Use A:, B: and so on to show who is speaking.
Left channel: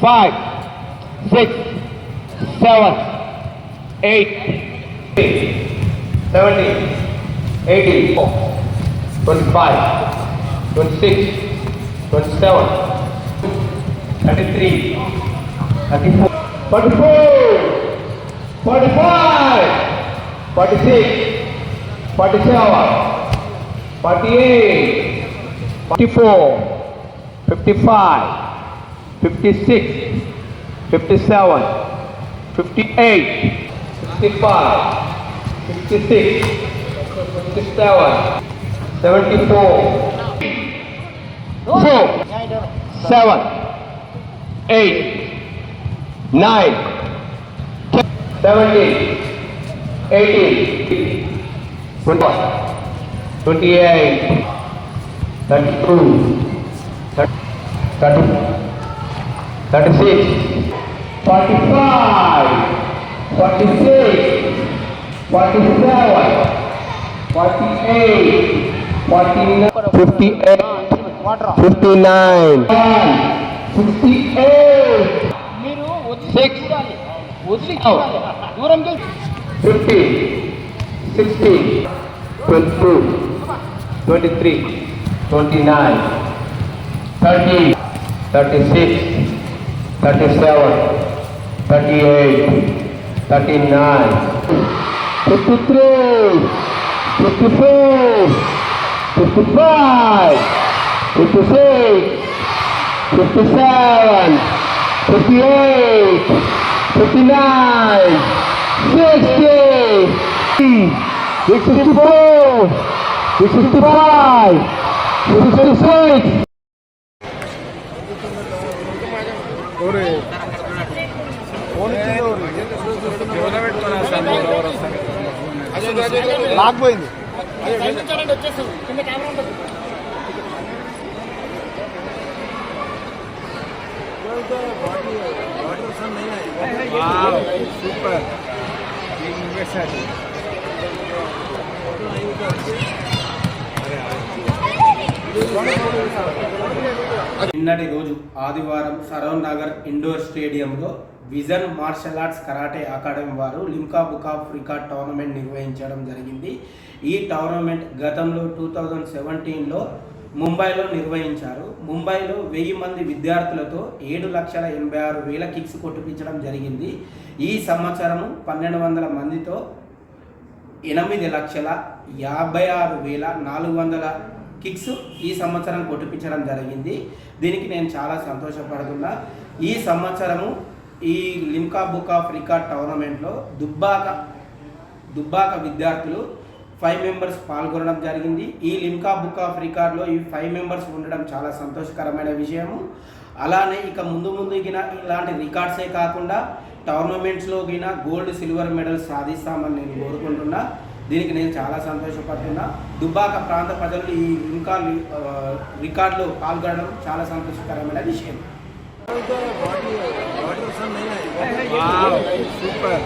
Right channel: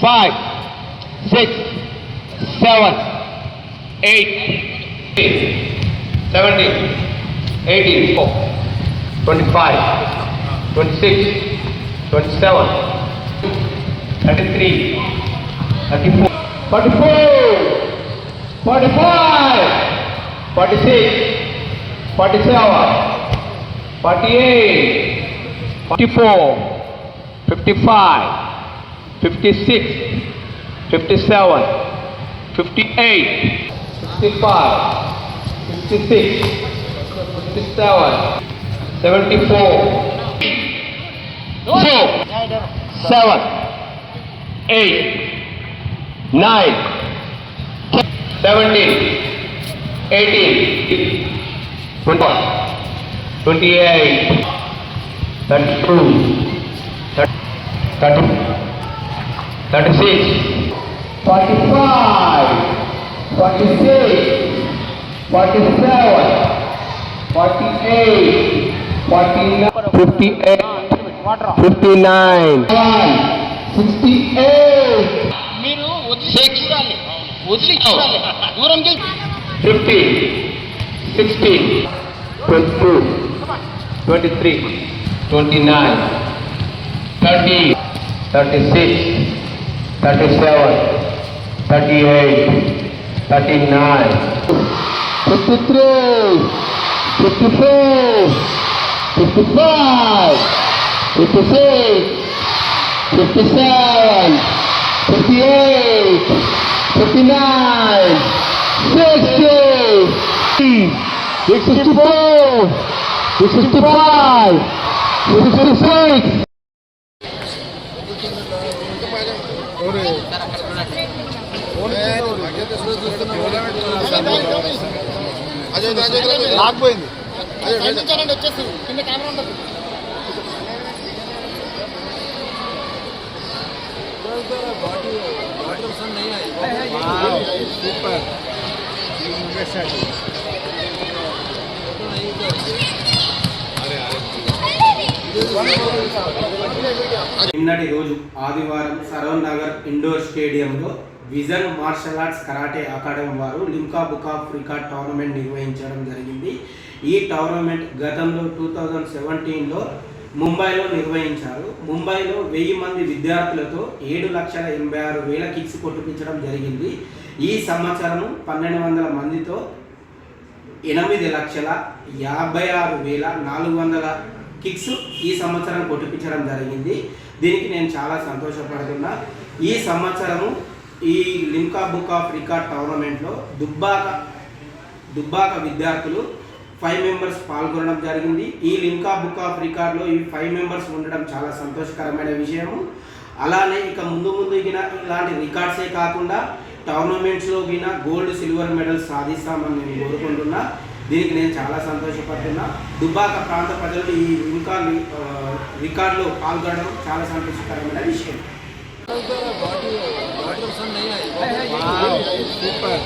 A: five, six, seven, eight, seventeen, eighteen, four, twenty-five, twenty-six, twenty-seven, thirty-three, thirty-four, forty-four, forty-five, forty-six, forty-seven, forty-eight, forty-four. 55, 56, 57, 58, 65, 56, 57, 74, 4, 7, 8, 9, 10, 17, 18, 21, 28, 32, 30, 36, 45, 46, 47, 48, 49, 58, 59, 68,
B: మీరు వదిలి
A: Six.
B: చూడాలి వదిలి చూడాలి దూరం చేసి
A: 50, 60, 22, 23, 29, 30, 36, 37, 38, 39, 53, 54, 55, 56, 57, 58, 59, 60, 64, 65, 66.
C: లాక్పోయింది.
B: వచ్చేస్తుంది కింద కెమెరా ఉంటుంది
C: సూపర్
D: నిన్నటి రోజు ఆదివారం సరోన్ నగర్ ఇండోర్ స్టేడియంలో vision martial arts karate academy వారు Limca book of record tournament నిర్వహించడం జరిగింది. ఈ టోర్నమెంట్ గతంలో టూ థౌజండ్ సెవెంటీన్లో ముంబైలో నిర్వహించారు. ముంబైలో వెయ్యి మంది విద్యార్థులతో ఏడు లక్షల ఎనభై ఆరు వేల కిక్స్ కొట్టిపించడం జరిగింది. ఈ సంవత్సరం పన్నెండు వందల మందితో ఎనిమిది లక్షల యాభై ఆరు వేల నాలుగు వందల కిక్స్ ఈ సంవత్సరం కొట్టిపించడం జరిగింది. దీనికి నేను చాలా సంతోషపడుతున్నా. ఈ సంవత్సరము ఈ లిమ్కా బుక్ ఆఫ్ రికార్డ్ టోర్నమెంట్లో దుబ్బాక దుబ్బాక విద్యార్థులు ఫైవ్ మెంబర్స్ పాల్గొనడం జరిగింది. ఈ లిమ్కా బుక్ ఆఫ్ రికార్డ్లో ఈ ఫైవ్ మెంబర్స్ ఉండడం చాలా సంతోషకరమైన విషయము. అలానే ఇక ముందు ముందు ఇలాంటి రికార్డ్సే కాకుండా టోర్నమెంట్స్లో గిన గోల్డ్ సిల్వర్ మెడల్స్ సాధిస్తామని నేను కోరుకుంటున్నా. దీనికి నేను చాలా సంతోషపడుతున్నా. దుబ్బాక ప్రాంత ప్రజలు ఈ ఇంకా రికార్డులో పాల్గొనడం చాలా సంతోషకరమైన విషయం.
C: సూపర్.